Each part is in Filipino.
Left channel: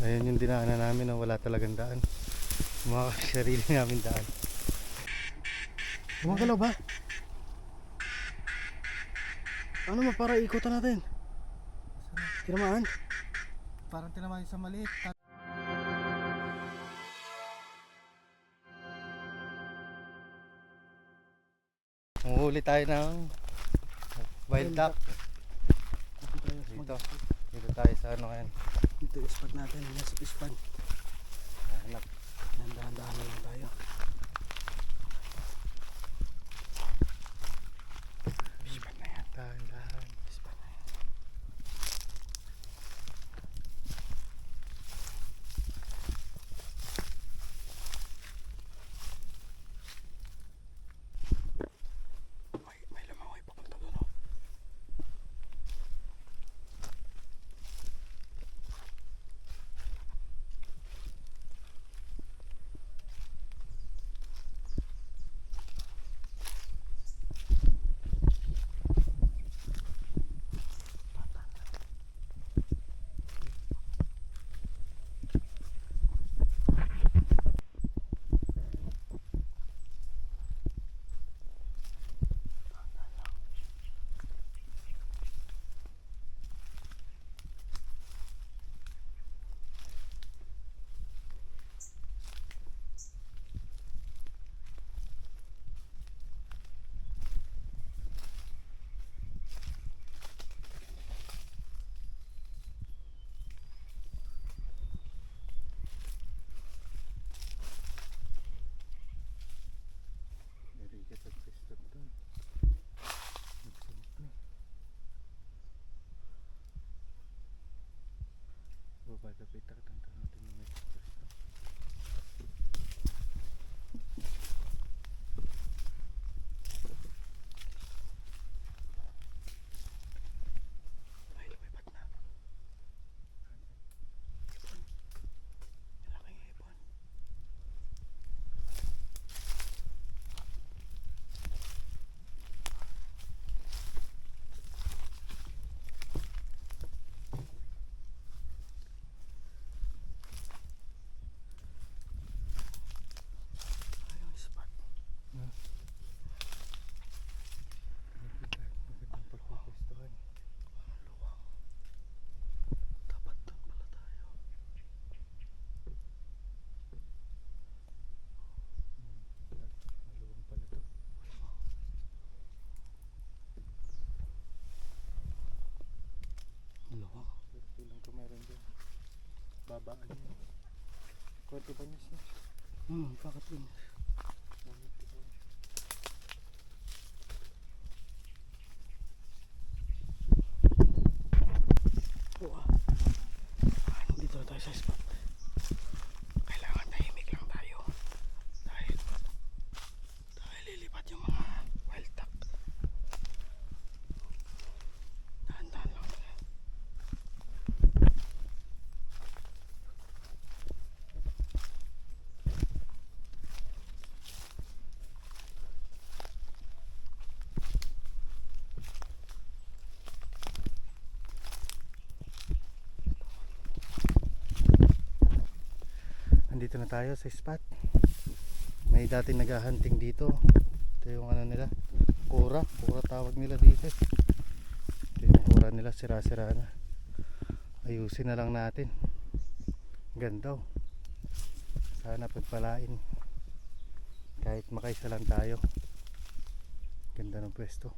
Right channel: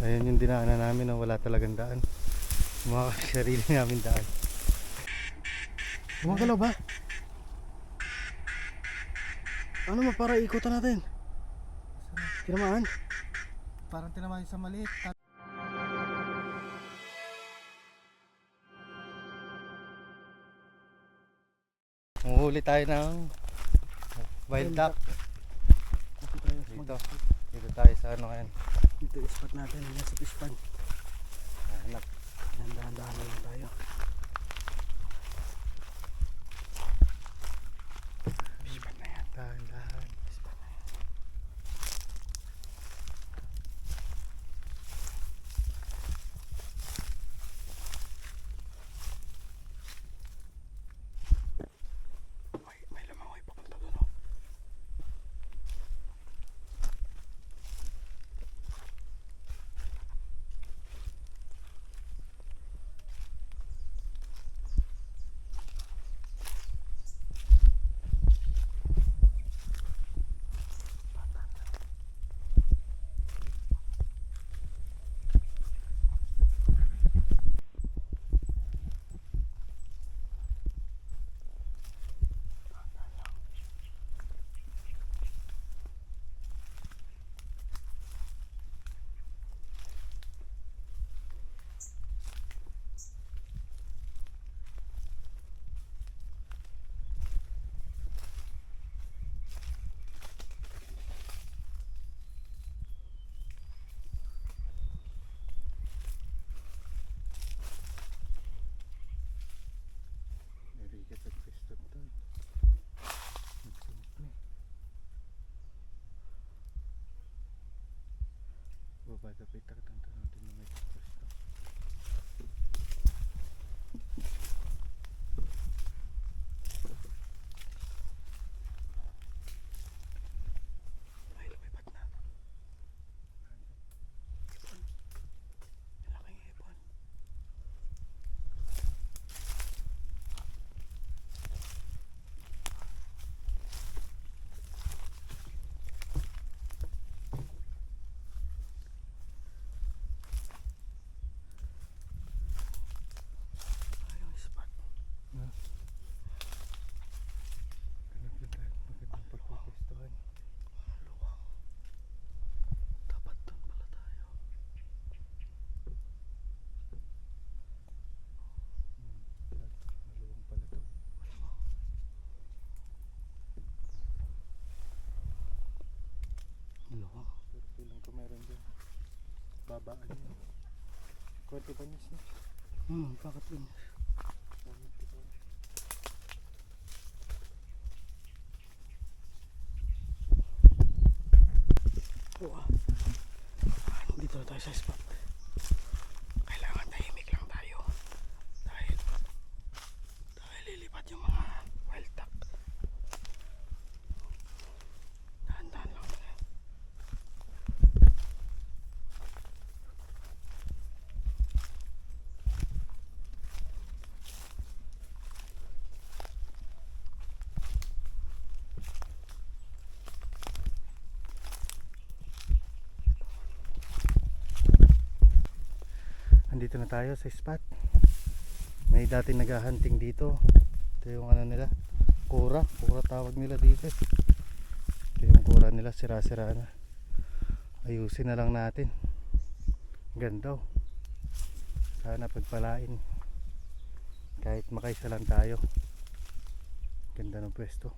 Ayun yung dinaanan namin na wala talagang daan. Mga sarili namin daan. Gumagalaw ba? Ano mo para ikutan natin? Tinamaan? Parang tinamaan sa maliit. Manghuli tayo ng wild duck. Dito. Dito tayo sa ano ngayon. Dito yung spot natin. Yan sa fish pond. Hanap. Dahan-dahan na lang tayo. Fish pond na yan. Dahan-dahan. Fish pond na yan. May lamangoy papunta doon, oh. Narigat at pwesto doon. Nagsumok na eh. Babada pa itakot ang tanong din na may pwesto. Ay, lumipad na. Ipon. Malaking ipon. Magandang pagpupwestuhan. Luwang. Dapat doon pala tayo. Maluwang pala to. Luwang. Pero pilang ko meron dyan. Babaan yun. Kunti ba niya siya? Bakit yun? Wow. Dito na tayo sa spot. Kailangan tahimik lang tayo. Dahil lilipat yung mga wild duck. Dahan-dahan lang tayo. Andito na tayo sa spot. May dati naghahunting dito. Ito yung ano nila, kura tawag nila dito. Ito yung kura nila, sira-sira na. Ayusin na lang natin. Ganda oh. Sana pagpalain. Kahit makaisa lang tayo. Ganda ng pwesto.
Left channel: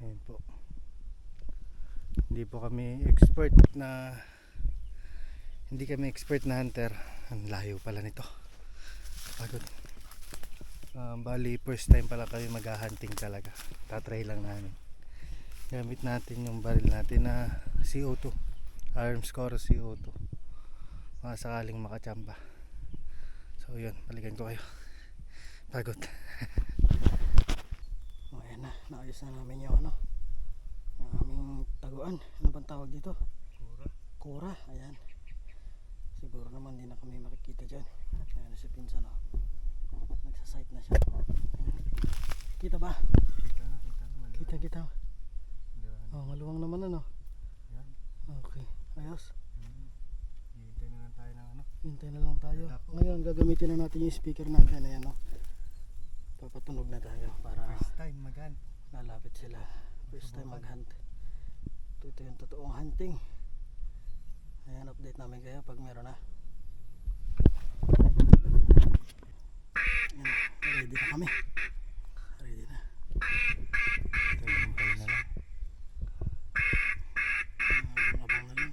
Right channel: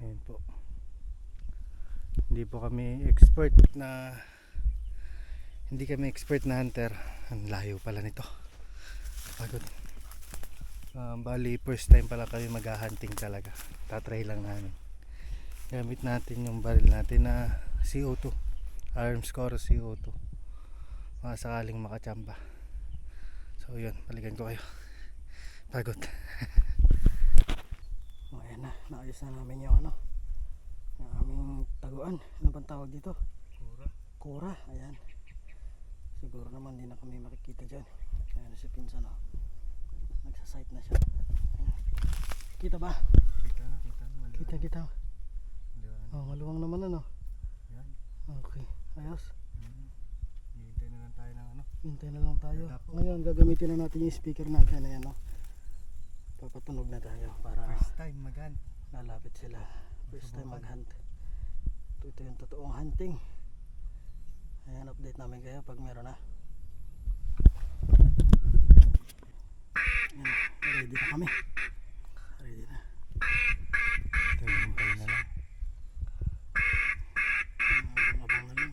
Ayan po. Hindi kami expert na hunter. Ang layo pala nito. Pagod. Bali first time pala kami maghahunting talaga. Tatry lang namin. Gamit natin yung baril natin na CO2. Armscore CO2. Mga sakaling makachamba. So yun, balikan ko kayo. Pagod. Ayan na, naayos na namin yung yung aming taguan. Ano bang tawag dito? Kura, ayan. Siguro naman hindi na kami makikita dyan. Ayan si Pinsan, nagsasight na siya. Ayan. Kita ba? Kita na, maluwang. Kita. Maluwang naman Yan. Okay, ayos. tayo ng ano. Hintay na lang tayo. Wala po. Ngayon gagamitin na natin yung speaker natin. Ayan o. Papatunog na tayo para First time mag-hunt. lalapit sila. First time Subukan. mag-hunt. Ito yung totoong hunting. Ayan, update namin kayo pag meron na. Ayan, ready na kami. Ready na. Hintay na lang. Abang na lang.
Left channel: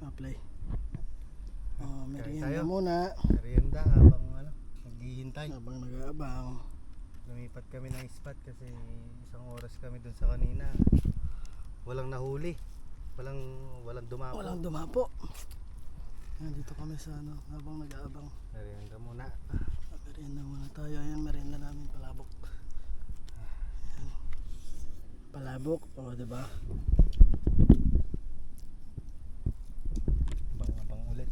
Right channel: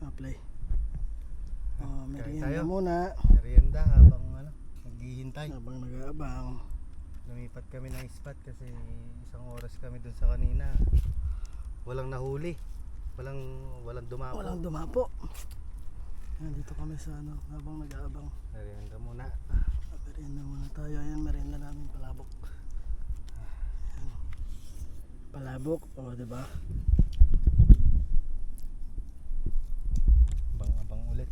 Apply. Merienda tayo. muna. Merienda habang ano, naghihintay. Habang nag-aabang. Lumipat kami ng spot kasi isang oras kami dun sa kanina. Walang nahuli. Walang dumapo. Walang dumapo. Nandito kami sa ano, habang nag-aabang. Merienda muna. Merienda muna tayo. Ayan, merienda namin palabok. Ayan. Palabok, o diba? Abang ulit.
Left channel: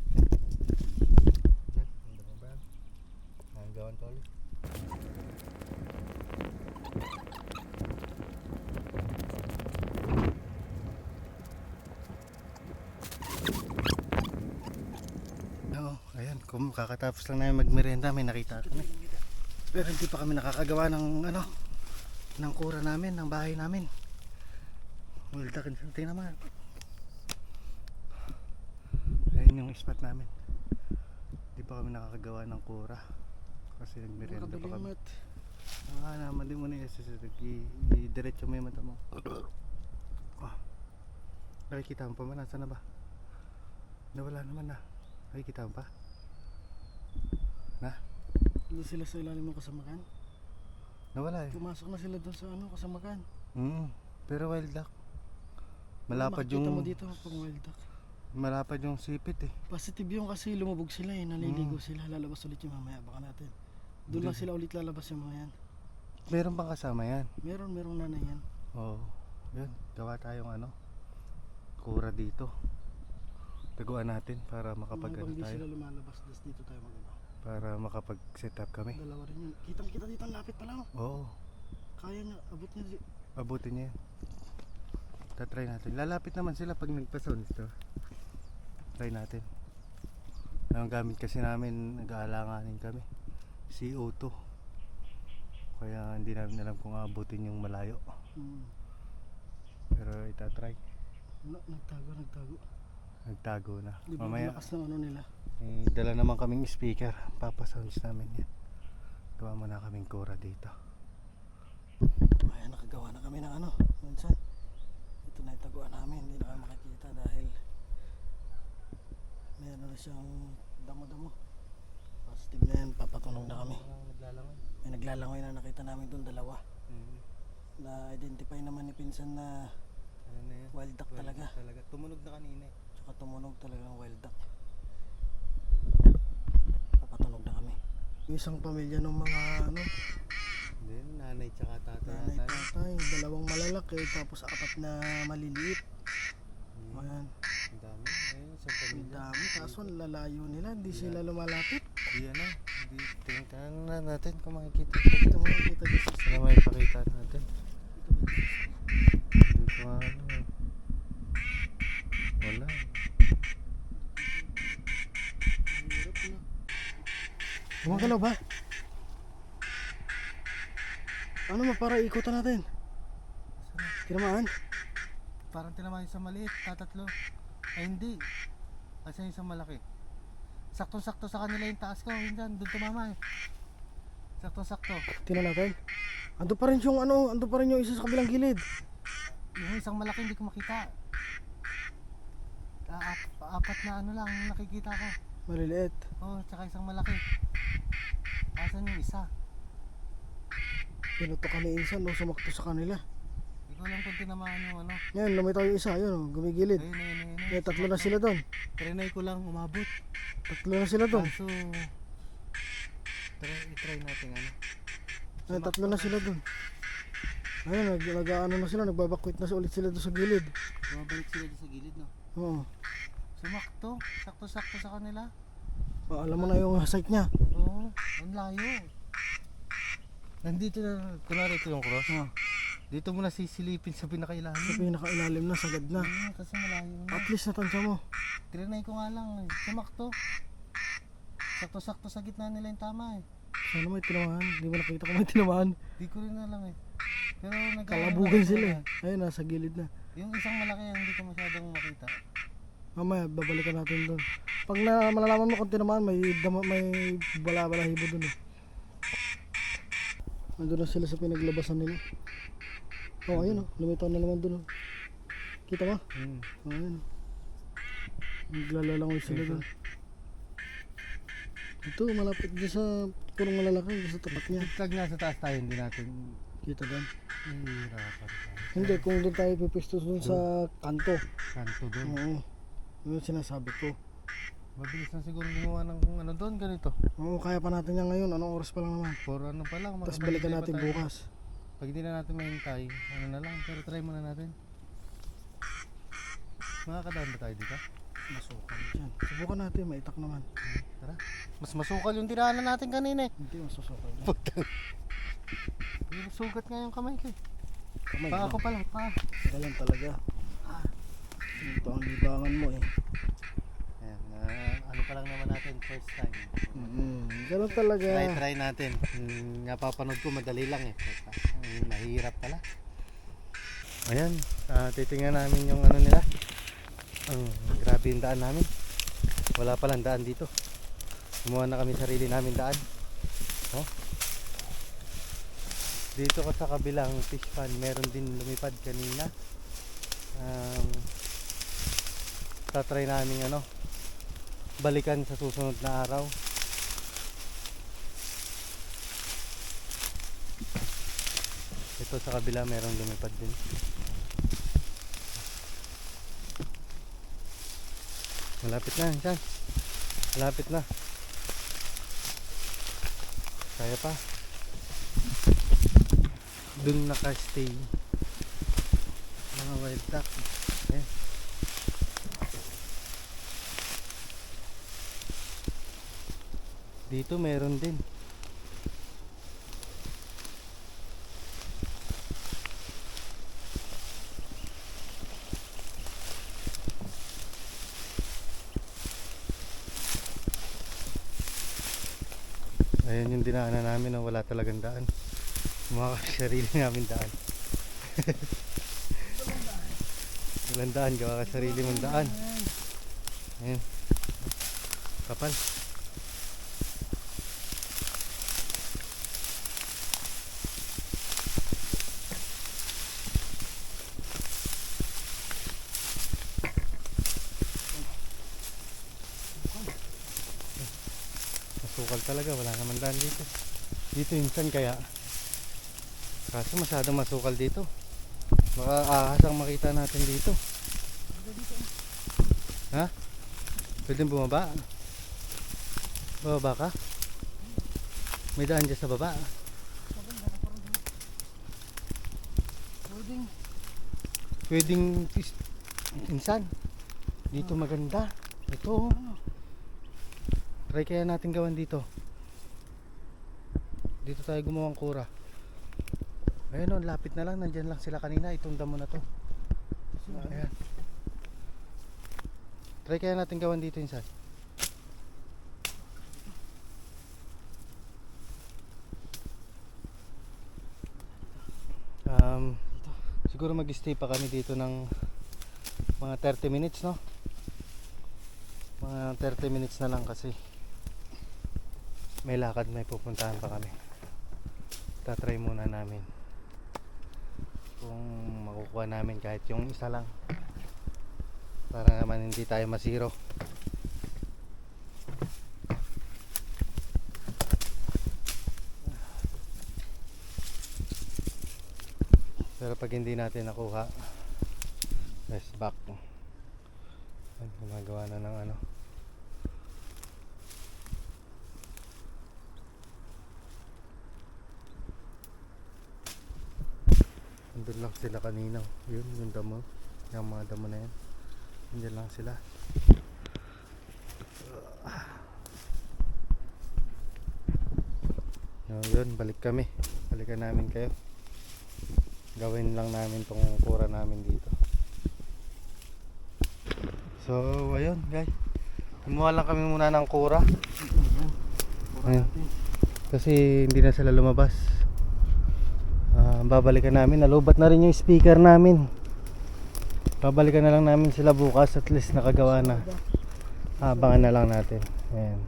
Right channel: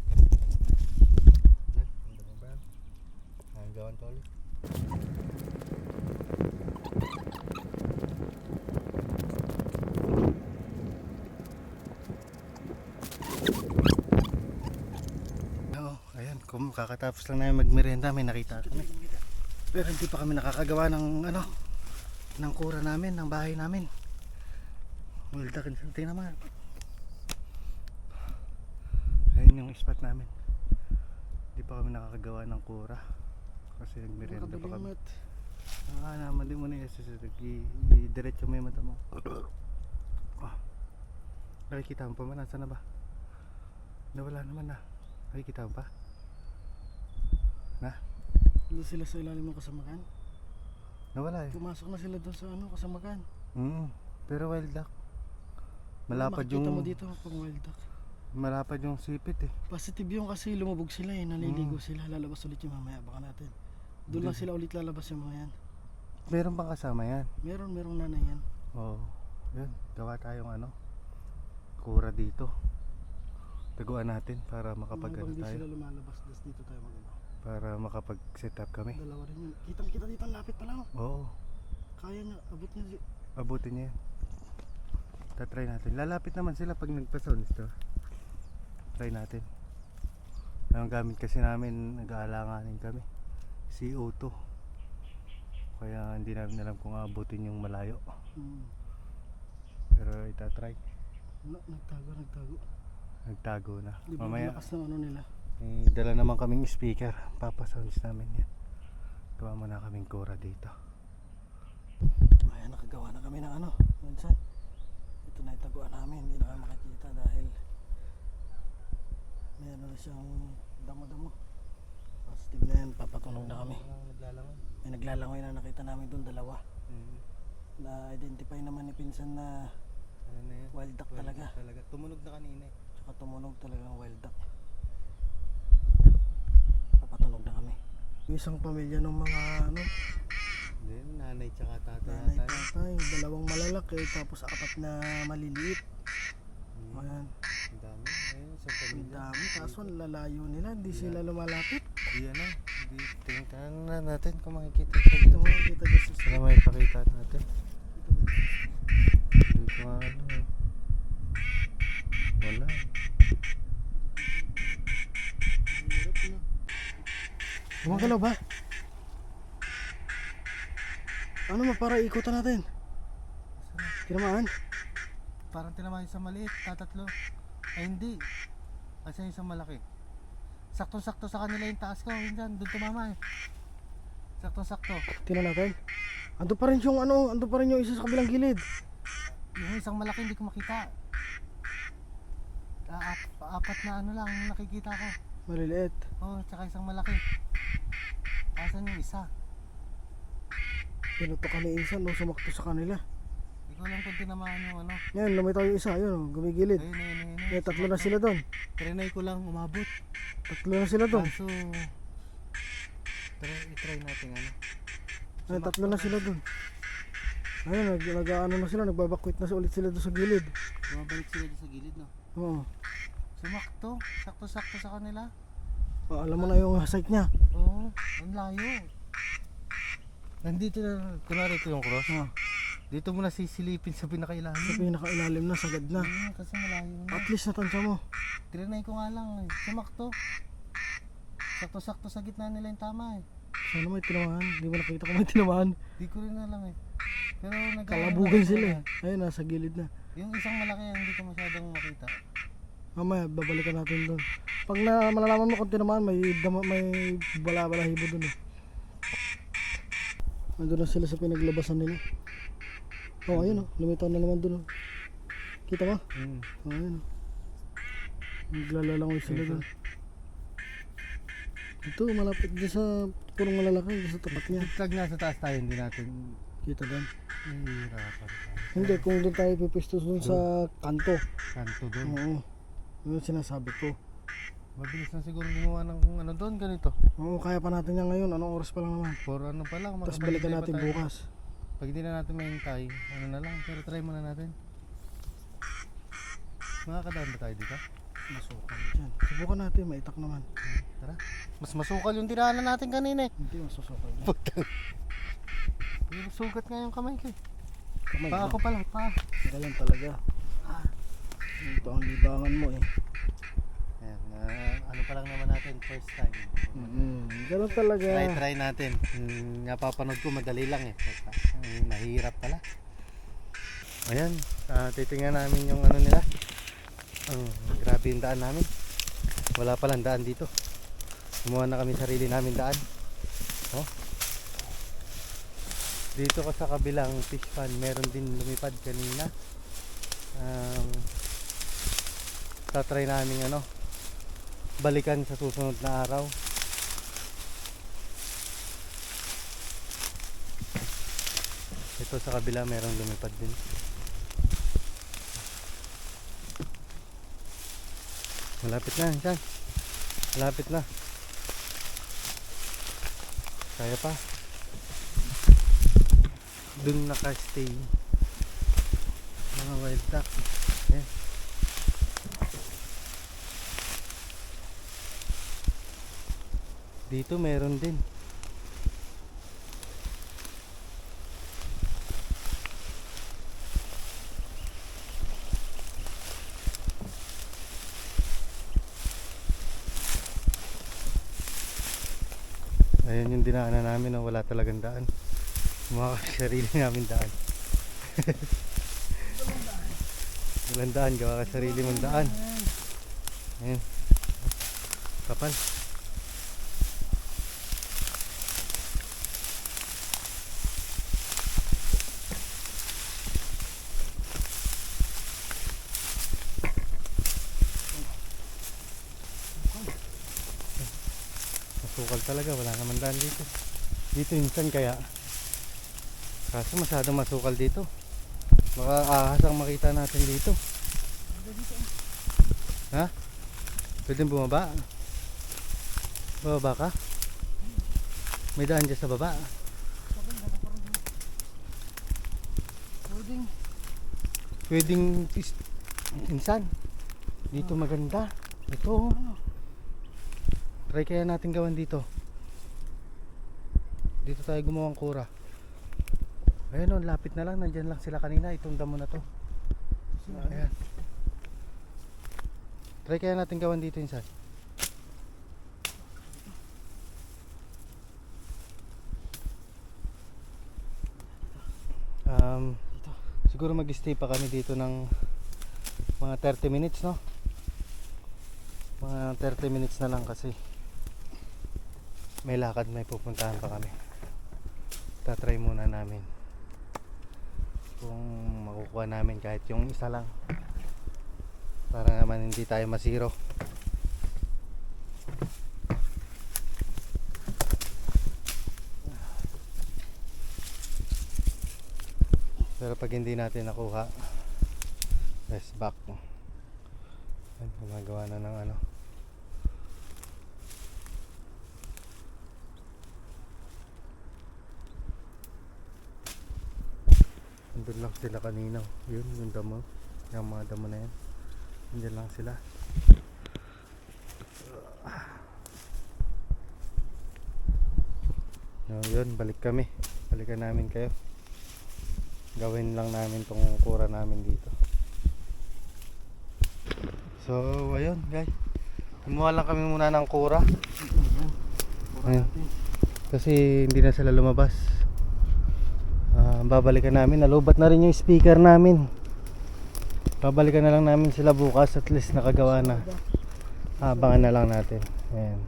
Ang dami ba? Ang gawan to ulit. Oo, ayan, kakatapos lang namin magmerienda, may nakita kami. Pero hindi pa kami nakakagawa ng ano, ng kura namin, ng bahay namin. Well, tingnan naman. Ayun yung spot namin. Hindi pa kami nakakagawa ng kura kasi nagmerienda pa kami. Naman din mo na yung i-diretso mo yung mata mo. Nakikita mo pa man, nasa na ba? Nawala naman na. Nakikita mo pa? Doon sila sa ilalim ng kasamakan. Nawala eh. Pumasok na sila doon sa ano, kasamakan. Pero wild duck. Malapad Makikita mo yung dito pag wild duck. malapad yung sipit eh. Positive yung kasi lumubog sila eh, naliligo sila, lalabas ulit yung mamaya, baka natin. Doon lang sila ulit lalabas yung mga yan. Meron bang kasama yan? Merong nanay yan. Oo. Yun, gawa tayong ano, kura dito. Taguan natin para makapag ano Habang di tayo. sila lumalabas, dito tayo mag-ano. Para makapag set up kami. Dalawa rin yun. Kitang kita dito, ang lapit pa lang. Oo. Kaya niya, abot niya. Abutin niya yan. Tatry natin. Lalapit naman sila pag nagpa-sounds to. Try natin. Ang gamit kasi namin, nag-aalanganin kami. CO2. Kaya hindi namin alam kung abutin yung malayo. Pero itatry. Nagtago. Nagtago na. Di ba Mamaya, ang lakas ng ano nila? dala naman kaming speaker. Papasounds namin yan. Gawa mo na kaming kura dito. Ayan, nakagawa na kami ng ano. Minsan, ito na yung taguan namin. Hindi na kami makikita dahil meron na siyang damo-damo. Positive na yan, papatunog na kami. Naglalangoy. May naglalangoy na nakita namin doon, dalawa. Na-identify naman ni Pinsan na Ano na yan? wild duck talaga. Tumunog na kanina eh. Tsaka tumunog talaga ng wild duck. Papatunog na kami. Yung isang pamilya ng mga ano, Then, nanay tsaka tatay nanay, yata. tatay, dalawang malalaki, tapos apat na maliliit. Ayan, Ang dami. Ayun, isang ang pamilya. dami. Kaso lalayo nila, hindi sila lumalapit. Di ano, di tingnan na natin kung makikita sila. Ito mo, kita dyan sa Sila may pakita natin. Hindi ko ano eh. Wala eh. hirap na. Gumagalaw ba? Ano mo, para ikutan natin? Tinamaan? Parang tinamaan sa maliit, tatatlo. Ay hindi. Kasi yung isang malaki. Saktong-sakto sa kanila yung taas ko. Hindan, doon tumama eh. Saktong-sakto. Tingnan natin. Ando pa rin yung ano, ando pa rin yung isa sa kabilang gilid. Yung isang malaki hindi ko makita. Apat na ano lang nakikita ko. Maliliit. Oh, tsaka isang malaki. Asan yung isa? Pinuto kami insan, no, sumakto sa kanila. Hindi ko alam kung tinamaan yung ano. Yan, lumitaw yung isa, yun, oh, gumigilid. Ayun. Eh, tatlo na sila doon. Trinay ko lang umabot. Tatlo na sila doon. Kaso, i-try natin ano. Ay, tatlo na sila doon. Ayun, nag-ano na sila, nagbabakwit na ulit sila doon sa gilid. Bumabalik sila doon sa gilid, no? Oo. Sumakto. Sakto-sakto sa kanila. Oh, alam mo na yung site niya. Oo, ang layo. Nandito na, kunwari ito yung cross. Oh. Dito mo na sisilipin sa Sa pinakailalim. pinakailalim na, sagad na. Kasi malayo na. At least natansya mo. Trinay ko nga lang eh. Sumakto. Sakto-sakto sa gitna nila yung tama eh. Sana may tinamaan. Hindi mo nakita kung may tinamaan. Di ko rin alam eh. Pero Kalabugan sila eh. Ayun, nasa gilid na. Yung isang malaki hindi ko masyadong makita. Mamaya, babalikan natin doon. Pag malalaman mo kung tinamaan, may bala-balahibo doon eh. Nandun na sila sa pinaglabasan nila. Oh, ayun oh. Lumitaw na naman doon oh. Kita mo? Oh, ayun oh. Naglalalangoy sila doon. Ito, malapit din sa purong malalaki, dun sa tapat niya. Pag nasa taas tayo, hindi natin Kita doon. nahihirapan tayo. Hindi, kung doon tayo pipistos doon sa kanto. Kanto doon. Oo. Yun yung sinasabi ko. Mabilis na siguro gumawa ng kung ano doon, ganito. Oo, kaya pa natin yan ngayon. Anong oras pa lang naman? For ano pa lang. Tapos makabalik balikan na natin pa tayo. bukas. Pag hindi na natin mahintay, ano na lang. Pero try muna natin. Makakadaan ba tayo dito? Masukal dyan. Subukan natin, maitak naman. Tara. Mas masukal yung tiranan natin kanina eh. Hindi masusukal dyan. Yung sugat nga yung kamay ko eh. Kamay Paa lang. ko pala, paa. Saka yan talaga. Ito ang libangan mo eh. Ayan, ano pa lang naman natin, first time. Ganun talaga. Try natin. Napapanood ko madali lang eh. Mahirap pala. Ayan, titingnan namin yung ano nila. Grabe yung daan namin. Wala palang daan dito. Gumawa na kami sarili namin daan. Oh. Dito ko sa kabilang fish pond, meron din lumipad kanina. Tatry namin ano, balikan sa susunod na araw. Ito sa kabila merong lumipad din. Malapit na, dyan. Malapit na. Kaya pa. Dun naka-stay mga wild duck. Ayan. Dito meron din. Ayan yung dinaanan namin na wala talagang daan. Mga sarili namin daan. Walang daan, gawa ka sarili mong daan. Ayan. Kapal. Masukal talaga, wala naman daan dito. Dito insan kaya. Kaso masyadong masukal dito. Baka ahas ang makita natin dito. Ha? Pwede bumaba? Bababa ka? May daan dyan sa baba. Pwedeng insan. Dito maganda. Ito. Try kaya natin gawan dito. Dito tayo gumawang kura. Ayun o, lapit na lang. Nandyan lang sila kanina. Itong damo na to. Ayan. Try kaya natin gawan dito insan. Siguro mag-stay pa kami dito ng mga 30 minutes, no? Mga 30 minutes na lang kasi may lakad, may pupuntahan pa kami. Tatry muna namin kung makukuha namin kahit yung isa lang para naman hindi tayo masiro. Pero pag hindi natin nakuha, rest back. Ayan, gumagawa na ng ano. Nandun lang sila kanina. Yun, yung damo. Yung mga damo na yan. Nandun lang sila. No, yun, balik kami. Balikan namin kayo. gawin lang namin tong kura namin dito. So ayun guys, kumuha lang kami muna ng kura. Ayan. Kura Ayun. natin. Kasi hindi na sila lumabas. Babalikan namin, nalubat na rin yung speaker namin. Babalikan na lang namin sila bukas, at least nakagawa na. Abangan na lang natin. Ayan,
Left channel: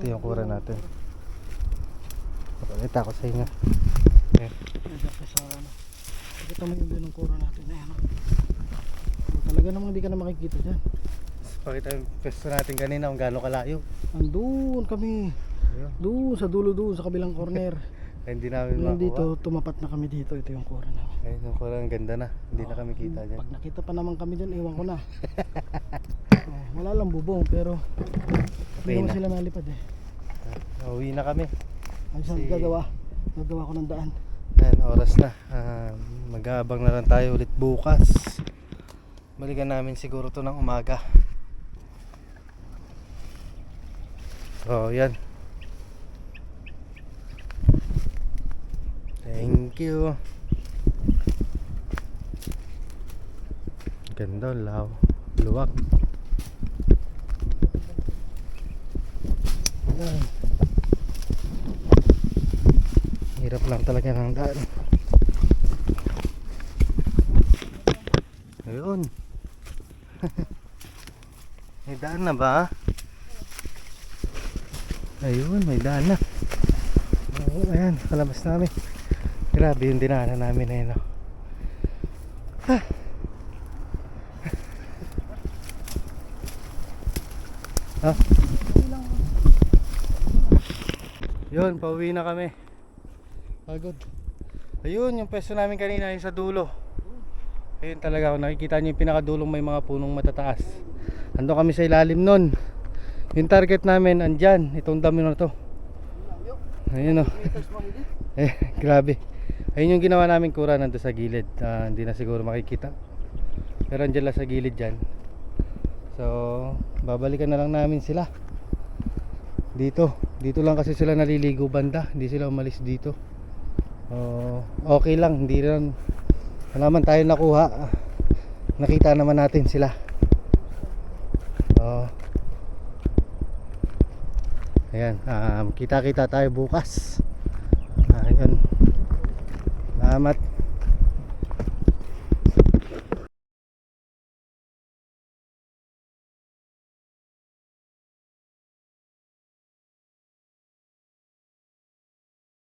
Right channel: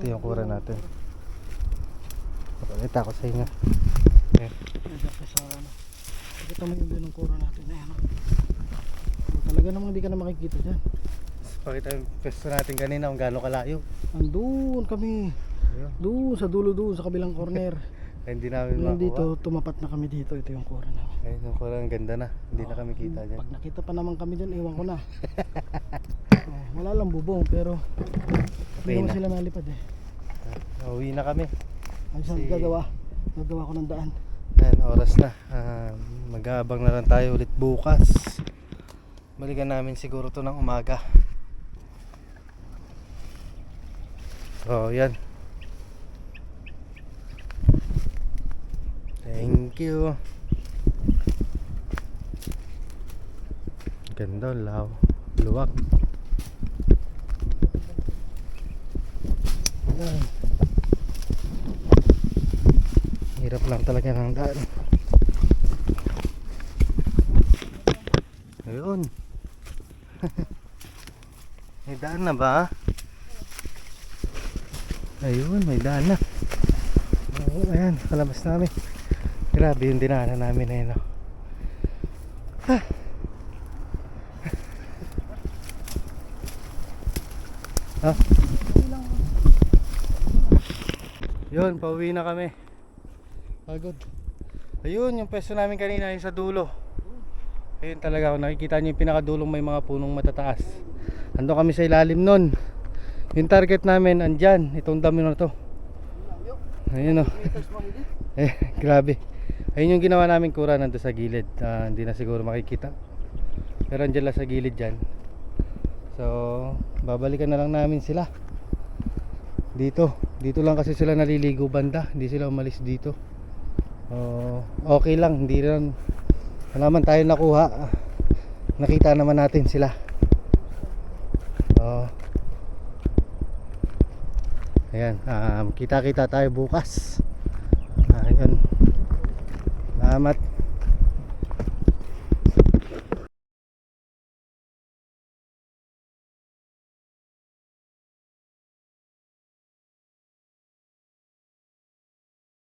ito yung kura natin. Pakita ko sa inyo. Ayan. Nandiyan ka sa ano. Pakita mo yung ng kura natin. Ayan. Talaga namang hindi ka na makikita dyan. Pakita yung pwesto natin kanina kung gaano kalayo. Andun kami. Ayun. Doon sa dulo doon sa kabilang corner. Ay, hindi namin Ngayon makuha. dito, tumapat na kami dito. Ito yung kura namin. Ayun, yung kura ang ganda na. Hindi na kami kita dyan. Pag nakita pa naman kami dyan, iwan ko na. Wala lang bubong pero hindi Okay naman na. sila nalipad eh. Uwi na kami. Ang saan gagawa? Gagawa ko ng daan. Ayan, oras na. Mag-aabang na lang tayo ulit bukas. Balikan namin siguro to ng umaga. So, yan. Thank you. Ganda, luwak. Ayan. Hirap lang talaga ng daan. Ayun. May daan na ba? Ayun, may daan na. Oo, ayan, kalabas namin. Grabe yung dinaanan namin ayun. Ah. Ah. Yun, pauwi na kami. Pagod. Ayun, yung pwesto namin kanina yung sa dulo. Ayun talaga, kung nakikita nyo yung pinakadulong may mga punong matataas. Ando kami sa ilalim nun. Yung target namin andyan, itong dami na to. Ayun o. Grabe. Ayun yung ginawa namin kura nando sa gilid. Hindi na siguro makikita. Pero andyan lang sa gilid dyan. So babalikan na lang namin sila dito. Dito lang kasi sila naliligo banda. Hindi sila umalis dito. Okay lang, hindi lang. Wala man tayo nakuha. Nakita naman natin sila. Ayan, kita-kita tayo bukas. Ayan. Salamat.